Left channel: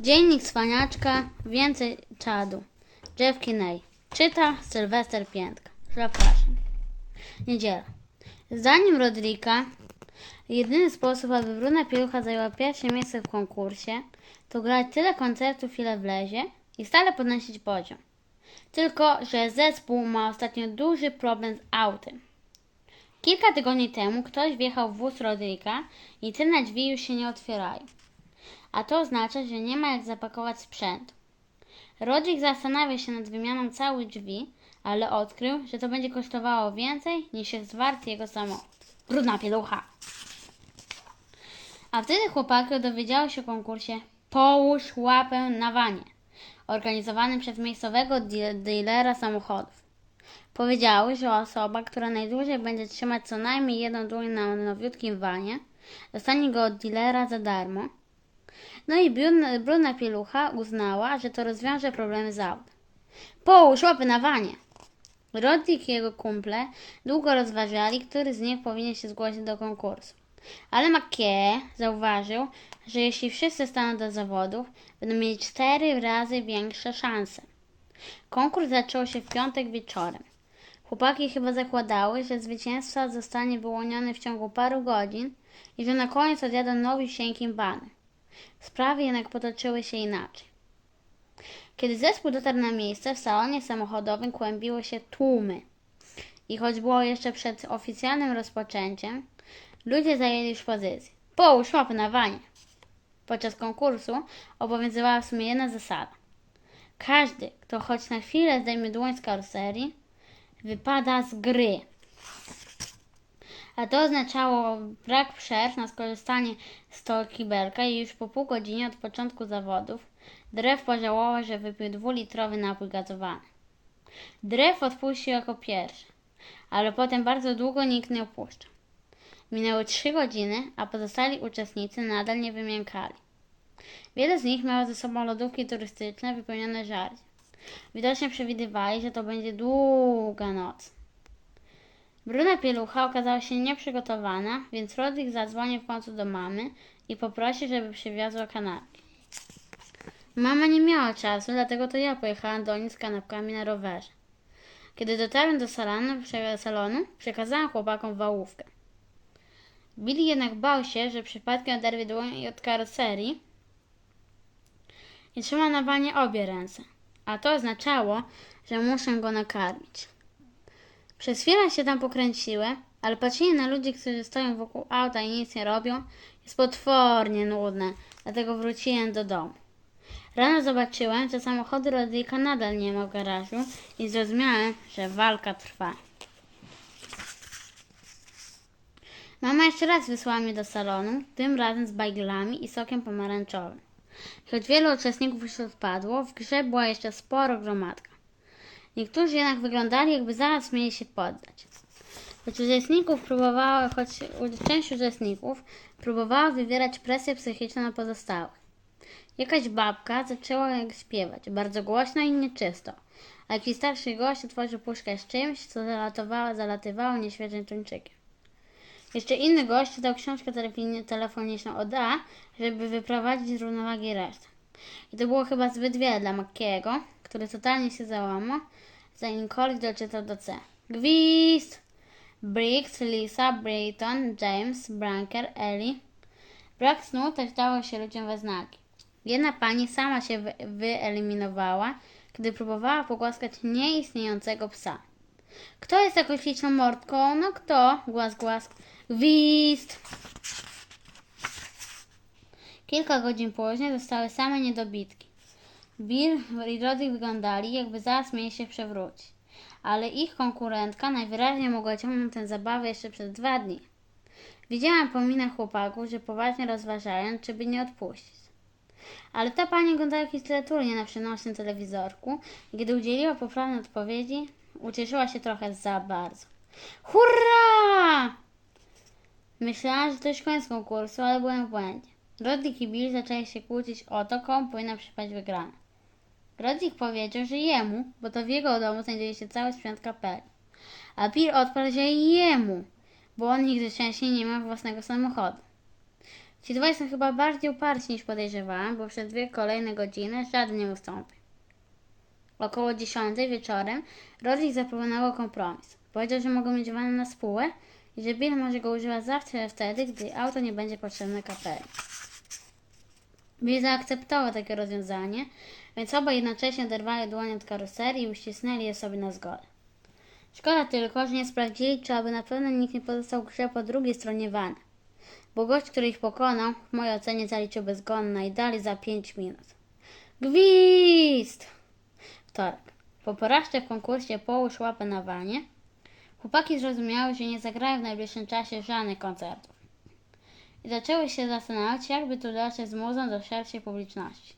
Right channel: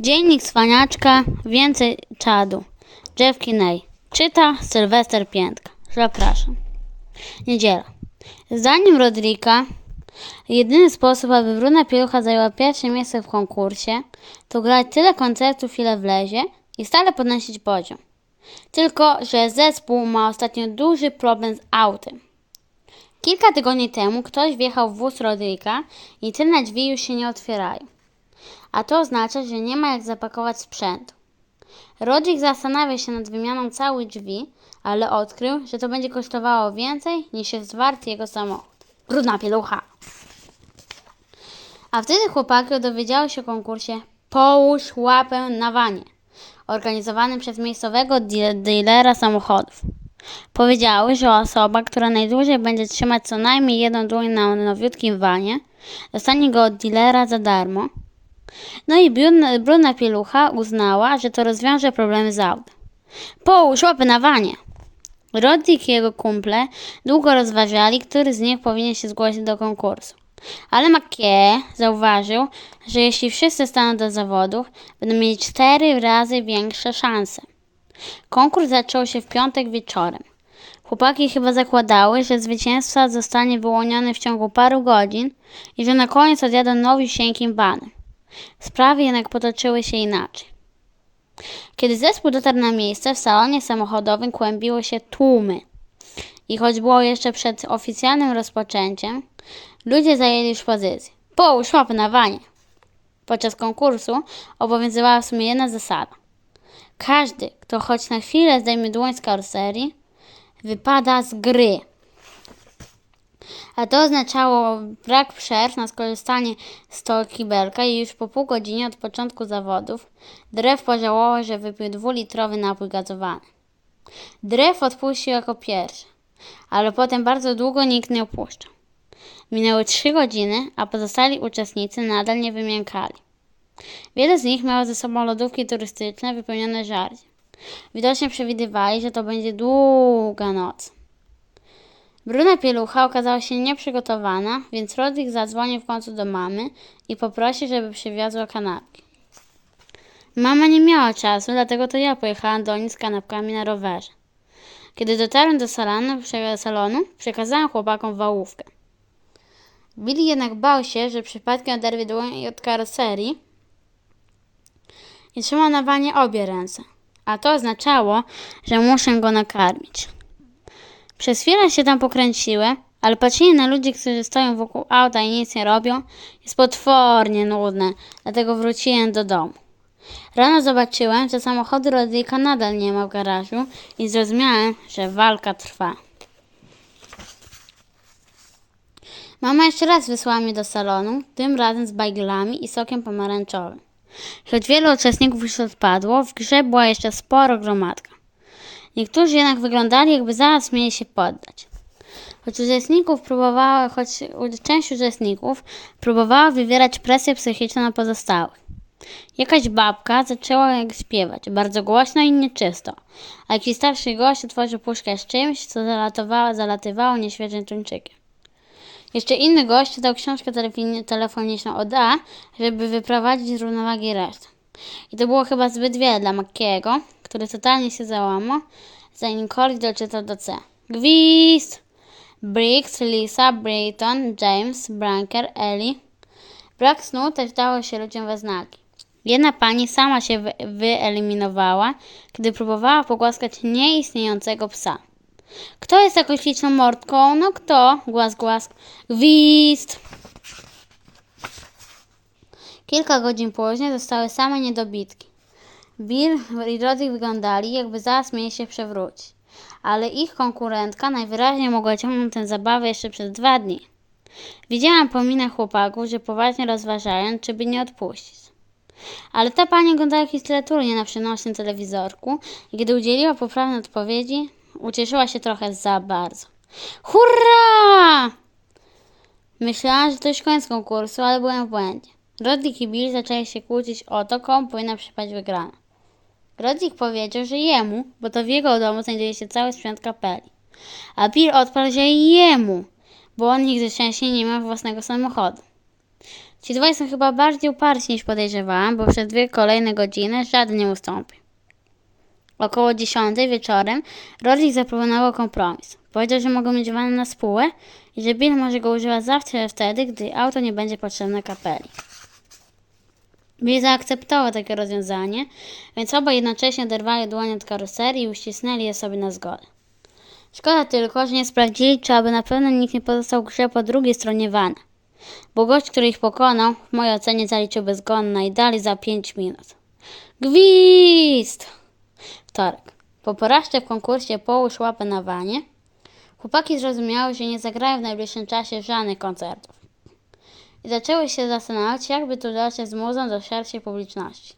Dziennik Cwaniaczka, więcej czadu. Jeff Kinney. Czyta Sylwester Piętka. Zapraszam. Niedziela. Zdaniem Rodrika, jedyny sposób, aby Bruna Pielucha zajęła pierwsze miejsce w konkursie, to grać tyle koncertów, ile wlezie i stale podnosić poziom. Tylko, że zespół ma ostatnio duży problem z autem. Kilka tygodni temu ktoś wjechał w wóz Rodrika i tylne drzwi już się nie otwierają. A to oznacza, że nie ma jak zapakować sprzętu. Rodrik zastanawia się nad wymianą całych drzwi, ale odkrył, że to będzie kosztowało więcej niż jest wart jego samochód. Brudna pielucha! A wtedy chłopaki dowiedziały się o konkursie Połóż łapę na wanie, organizowanym przez miejscowego de- dealera samochodów. Powiedziały, że osoba, która najdłużej będzie trzymać co najmniej jedną dłoń na nowiutkim wanie, dostanie go od dealera za darmo. No i brudna, pielucha uznała, że to rozwiąże problemy z autem. Połóż łapy na wanie! I jego kumple długo rozważali, który z nich powinien się zgłosić do konkursu. Ale McKee zauważył, że jeśli wszyscy staną do zawodów, będą mieli cztery razy większe szanse. Konkurs zaczął się w piątek wieczorem. Chłopaki chyba zakładały, że zwycięzca zostanie wyłoniony w ciągu paru godzin i że na koniec odjadą nowisieńkim banem. Sprawy jednak potoczyły się inaczej. Kiedy zespół dotarł na miejsce, w salonie samochodowym kłębiły się tłumy. I choć było jeszcze przed oficjalnym rozpoczęciem, ludzie zajęli już pozycję. Połóż łapy na wanie. Podczas konkursu obowiązywała w sumie jedna zasada. Każdy, kto choć na chwilę zdejmie dłoń z karoserii, wypada z gry. A to oznaczało brak przerw na skorzystanie z kibelka i już po pół godzinie od początku zawodów Drew pożałował, że wypił dwulitrowy napój gazowany. Drew odpuścił jako pierwszy, ale potem bardzo długo nikt nie opuszczał. Minęły trzy godziny, a pozostali uczestnicy nadal nie wymiękali. Wiele z nich miało ze sobą lodówki turystyczne wypełnione żarciem. Widocznie przewidywali, że to będzie długa noc. Bruna pielucha okazała się nieprzygotowana, więc Rodrik zadzwonił w końcu do mamy i poprosił, żeby przywiozła kanapki. Mama nie miała czasu, dlatego to ja pojechałam do nich z kanapkami na rowerze. Kiedy dotarłem do salonu, salonu przekazałam chłopakom wałówkę. Billy jednak bał się, że przypadkiem oderwie dłoń od karoserii i trzymał na wanie obie ręce, a to oznaczało, że muszę go nakarmić. Przez chwilę się tam pokręciłem, ale patrzenie na ludzi, którzy stoją wokół auta i nic nie robią, jest potwornie nudne, dlatego wróciłem do domu. Rano zobaczyłem, że samochodu Rodrika nadal nie ma w garażu i zrozumiałem, że walka trwa. Mama jeszcze raz wysłała mnie do salonu, tym razem z bajglami i sokiem pomarańczowym. Choć wielu uczestników już odpadło, w grze była jeszcze sporo gromadka. Niektórzy jednak wyglądali, jakby zaraz mieli się poddać. Choć uczestników próbowała, choć część uczestników próbowała wywierać presję psychiczną na pozostałych. Jakaś babka zaczęła jak śpiewać, bardzo głośno i nieczysto, a jakiś starszy gość otworzył puszkę z czymś, co zalatywało, zalatywało nieświeżym tuńczykiem. Jeszcze inny gość dał książkę telefoni- telefoniczną od A, żeby wyprowadzić z równowagi resztę. I to było chyba zbyt wiele dla Makiego, który totalnie się załamał, zanim Corey doczytał do C. Gwizd! Briggs, Lisa, Brayton, James, Branker, Ellie. Brak snu też dało się ludziom we znaki. Jedna pani sama się wy- wyeliminowała, gdy próbowała pogłaskać nieistniejącego psa. Kto jest taką śliczną mordką? No kto? Głask, głask. Gwizd! Kilka godzin później zostały same niedobitki. Bill i Roddy wyglądali, jakby zaraz mieli się przewrócić. Ale ich konkurentka najwyraźniej mogła ciągnąć tę zabawę jeszcze przez dwa dni. Widziałam po minach chłopaków, że poważnie rozważają, czy by nie odpuścić. Ale ta pani oglądała jakieś teleturnie na przenośnym telewizorku i gdy udzieliła poprawnej odpowiedzi, ucieszyła się trochę za bardzo. Hurra! Myślałam, że to już koniec konkursu, ale byłem w błędzie. Rodrik i Bill zaczęli się kłócić o to, komu powinna przypaść wygrana. Rodrik powiedział, że jemu, bo to w jego domu znajduje się cały sprzęt kapeli. A Bill odparł, że jemu, bo on nigdy wcześniej nie miał własnego samochodu. Ci dwaj są chyba bardziej uparci niż podejrzewałam, bo przez dwie kolejne godziny żaden nie ustąpi. Około dziesiątej wieczorem Rory zaproponował kompromis. Powiedział, że mogą mieć van na spółę i że Bill może go używać zawsze wtedy, gdy auto nie będzie potrzebne kapeli. Bill zaakceptował takie rozwiązanie, więc obaj jednocześnie oderwali dłonie od karoserii i uścisnęli je sobie na zgodę. Szkoda tylko, że nie sprawdzili, czy aby na pewno nikt nie pozostał grze po drugiej stronie vana. Bo gość, który ich pokonał, w mojej ocenie zaliczyłby zgon na i dali za 5 minut. Gwizd! Wtorek. Po porażce w konkursie Połóż łapę na wanie, chłopaki zrozumiały, że nie zagrają w najbliższym czasie żadnych koncertów. I zaczęły się zastanawiać, jakby tu dotrzeć z muzą do szerszej publiczności.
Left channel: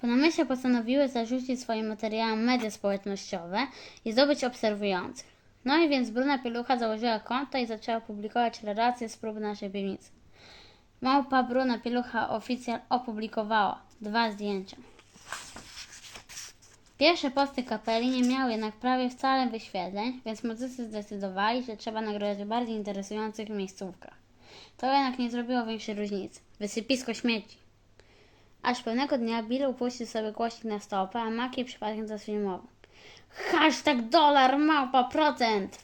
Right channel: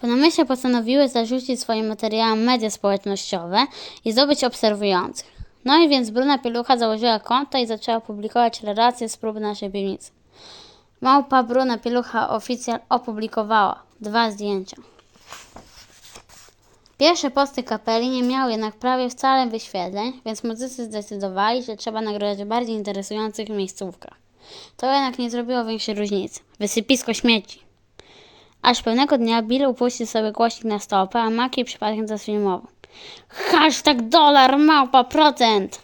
Po namyśle postanowiły zarzucić swoim materiałom media społecznościowe i zdobyć obserwujących. No i więc Bruna Pielucha założyła konto i zaczęła publikować relacje z prób naszej piwnicy. Małpa Bruna Pielucha oficjal opublikowała dwa zdjęcia. Pierwsze posty kapeli nie miały jednak prawie wcale wyświetleń, więc muzycy zdecydowali, że trzeba nagrać w bardziej interesujących miejscówkach. To jednak nie zrobiło większej różnicy. Wysypisko śmieci. Aż pewnego dnia Bill upuścił sobie głośnik na stopę, a Maki przypadkiem zasfilmował. Hashtag dolar małpa procent!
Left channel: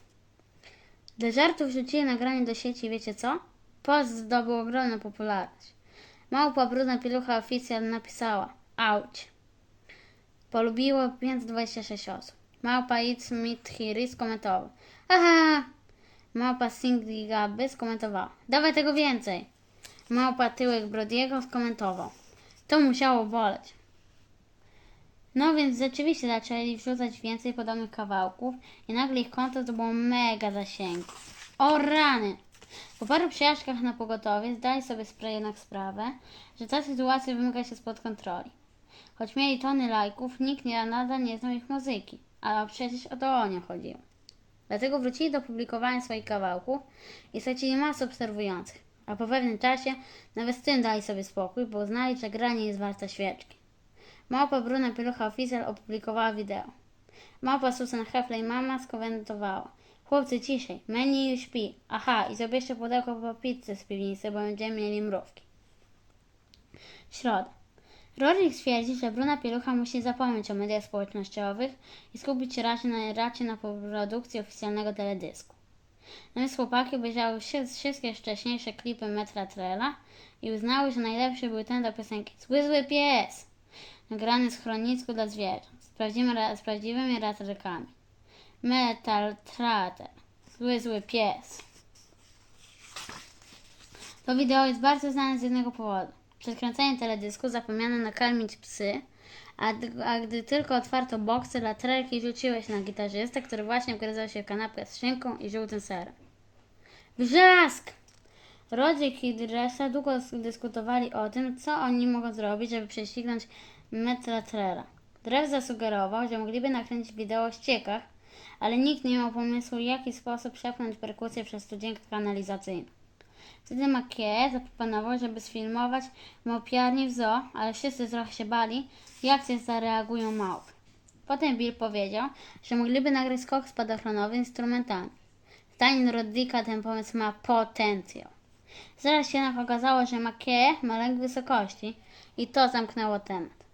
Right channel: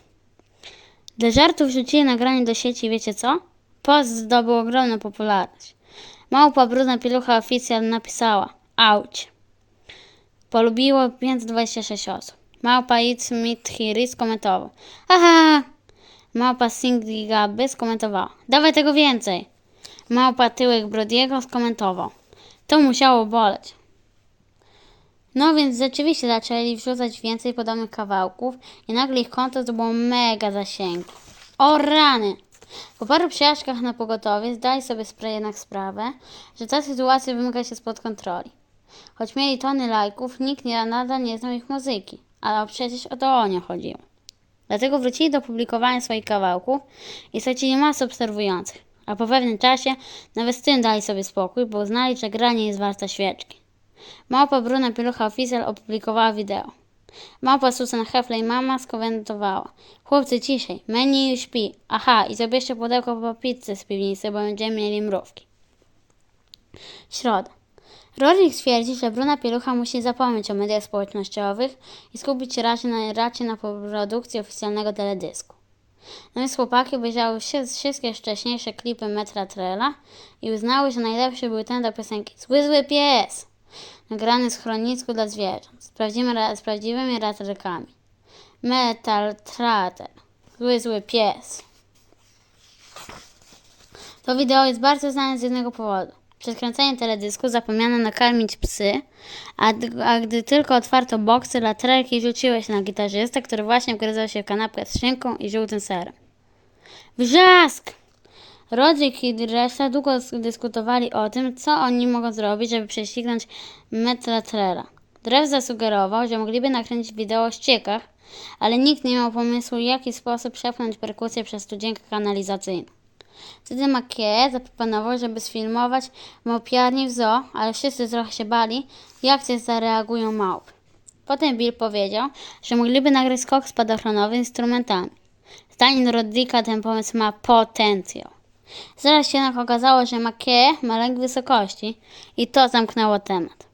Dla żartów wrzucili nagranie do sieci wiecie co? Post zdobył ogromną popularność. Małpa brudna pielucha oficjal napisała Auć. Polubiło 526 osób. Małpa It's Meet Here skomentował. Aha! Małpa Singli Gaby skomentowała. Dawaj tego więcej. Małpa Tyłek Brodiego skomentował. To musiało boleć. No więc rzeczywiście zaczęli wrzucać więcej podobnych kawałków i nagle ich konto zdobyło mega zasięgu. O rany! Po paru przejażdżkach na pogotowie zdali sobie jednak sprawę, że ta sytuacja wymyka się spod kontroli. Choć mieli tony lajków, nikt nie, nadal nie znał ich muzyki, ale przecież o to o nie chodziło. Dlatego wrócili do publikowania swoich kawałków i stracili masę obserwujących, a po pewnym czasie nawet z tym dali sobie spokój, bo uznali, że gra nie jest warta świeczki. Małpa Bruna Pielucha Official opublikowała wideo. Małpa Susan Hefley Mama skomentowała. Chłopcy ciszej, menu już śpi. Aha, i zabierzcie pudełko po pizzę z piwnicy, bo będziemy mieli mrówki. Środa. Rorik twierdzi, że Bruna Pielucha musi zapomnieć o mediach społecznościowych i skupić się raczej na, raczej na produkcji oficjalnego teledysku. No więc chłopaki obejrzały wszy- wszystkie wcześniejsze klipy Metra Trela i uznały, że najlepszy był ten do piosenki Zły Zły Pies, nagrany z chronicku dla zwierząt, z, prawdziwymi, ra- z prawdziwymi ratrykami. Metal Trater, Zły Zły Pies. To wideo jest bardzo znane z jednego powodu. Przed kręceniem teledysku zapomniano nakarmić psy, a, a gdy tylko otwarto boksy, latrelki rzuciły się na gitarzystę, który właśnie wgryzał się w kanapkę z szynką i żółtym serem. Wrzask! Rodzik i reszta długo sk- dyskutowali o tym, co oni mogą zrobić, żeby prześcignąć metra Trela. Drew zasugerował, że mogliby nakręcić wideo o ściekach, ale nikt nie miał pomysłu, w jaki sposób przepchnąć perkusję przez studzienkę kanalizacyjną. Wtedy Makie zaproponował, żeby sfilmować małpiarnię w zoo, ale wszyscy trochę się bali, jak się zareagują małpy. Potem Bill powiedział, że mogliby nagrać skok spadochronowy instrumentami. Zdaniem Rodrika ten pomysł ma potencjał. Zaraz się jednak okazało, że Makie ma lęk wysokości i to zamknęło temat.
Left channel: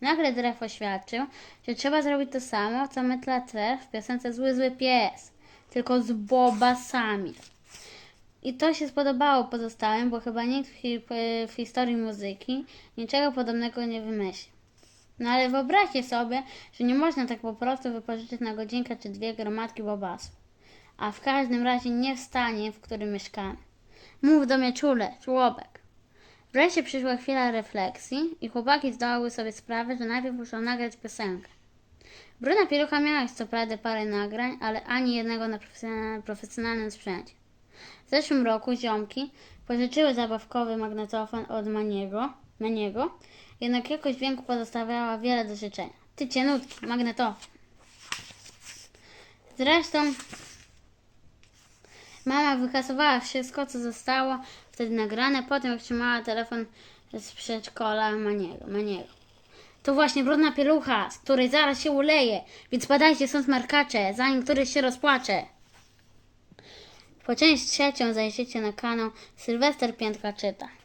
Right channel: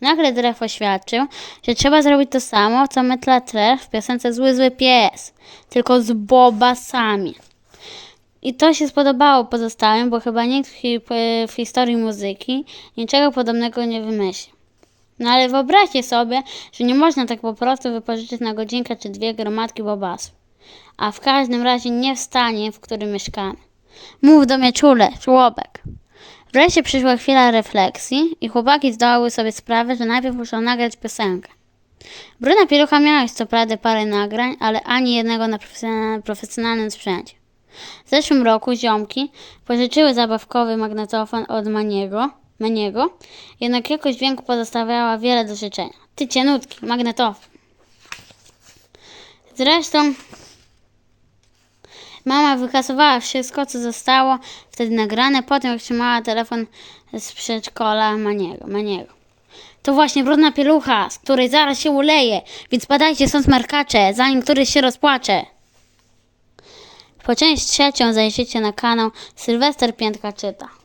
Nagle Drew oświadczył, że trzeba zrobić to samo, co Metla Trev w piosence Zły Zły Pies, tylko z bobasami. I to się spodobało pozostałym, bo chyba nikt w, hi- w historii muzyki niczego podobnego nie wymyślił. No ale wyobraźcie sobie, że nie można tak po prostu wypożyczyć na godzinkę czy dwie gromadki bobasów. A w każdym razie nie w stanie, w którym mieszkamy. Mów do mnie czule, żłobek. Wreszcie przyszła chwila refleksji i chłopaki zdały sobie sprawę, że najpierw muszą nagrać piosenkę. Bruna Pielucha miała co prawda parę nagrań, ale ani jednego na profesjonalnym sprzęcie. W zeszłym roku ziomki pożyczyły zabawkowy magnetofon od Maniego, Maniego, jednak jakość dźwięku pozostawiała wiele do życzenia. Ty cienutki, magnetofon. Zresztą mama wykasowała wszystko, co zostało wtedy nagrane, potem jak trzymała telefon z przedszkola Maniego. Maniego. To właśnie brudna pielucha, z której zaraz się uleje, więc badajcie stąd smarkacze, zanim któryś się rozpłacze. Po część trzecią zajrzyjcie na kanał Sylwester Piętka Czyta.